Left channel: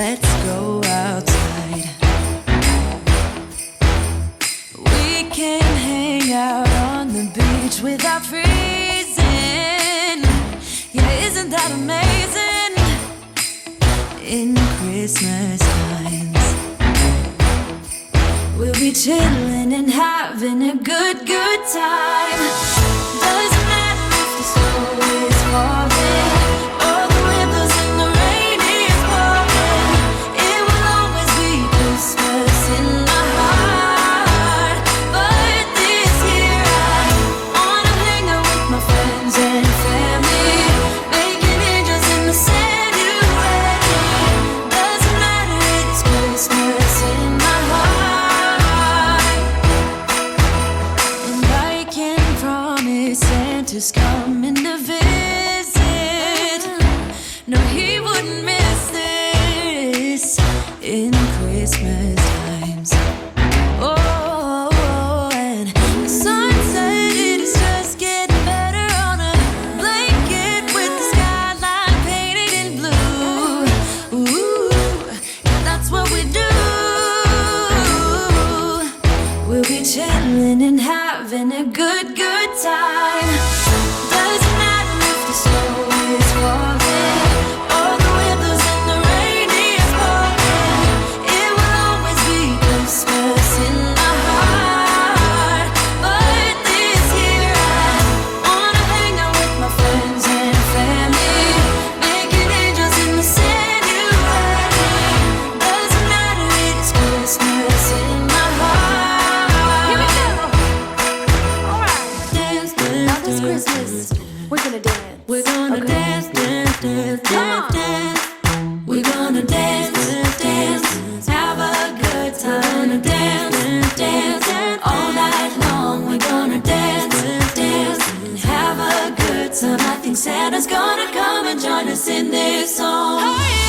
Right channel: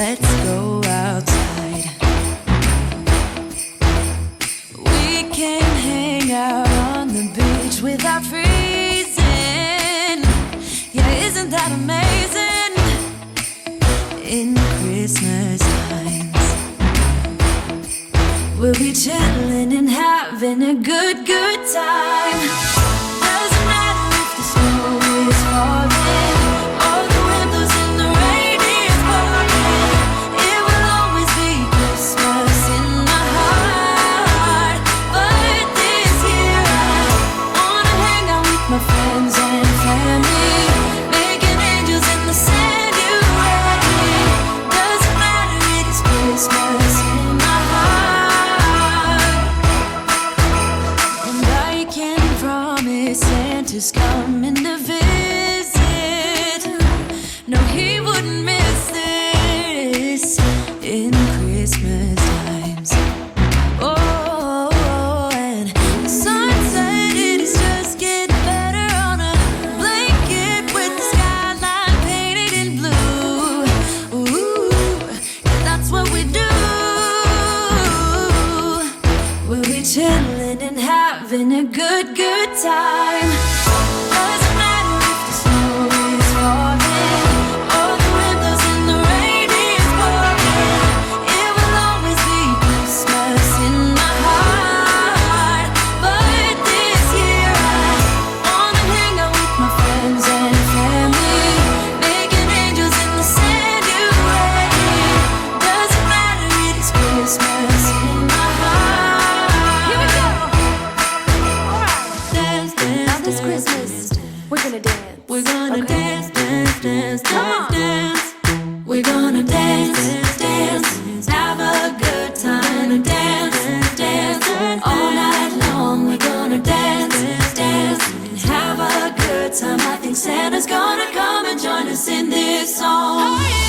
let's go outside. We can hang out on the beach without freezing. Yeah, isn't that amazing? In Christmas times, we'll be chilling and having a good time. Doesn't matter if the snow is falling or the wind blows and the rain is pouring. It will always be Christmas in my heart. But this year I wanna hang out with my friends and family, making angels in the sand. You ready? Doesn't matter, it is Christmas in my heart. And I can promise Santa's coming to visit. No, he wouldn't miss this in Christmas times. Oh, and the sun said it is just getting better on a blanket with the skyline painted in blue. Ooh, yeah, that's what we do. We'll be chilling and having a good time. Doesn't matter if the snow is falling or the wind blows and the rain is pouring. It will always be Christmas in my heart. But this year I wanna hang out with my friends and family, making angels in the sand. You ready? Doesn't matter, it is Christmas in my heart. Here we go. All right. Now this Christmas, we're gonna dance. We're gonna dance, dance, dance, Come on. dance. We're gonna dance, dance, have a good time. Dance, dance, all night long. We're gonna dance, dance, and have a good time. I think Santa's gonna come and join us in this song. Hey!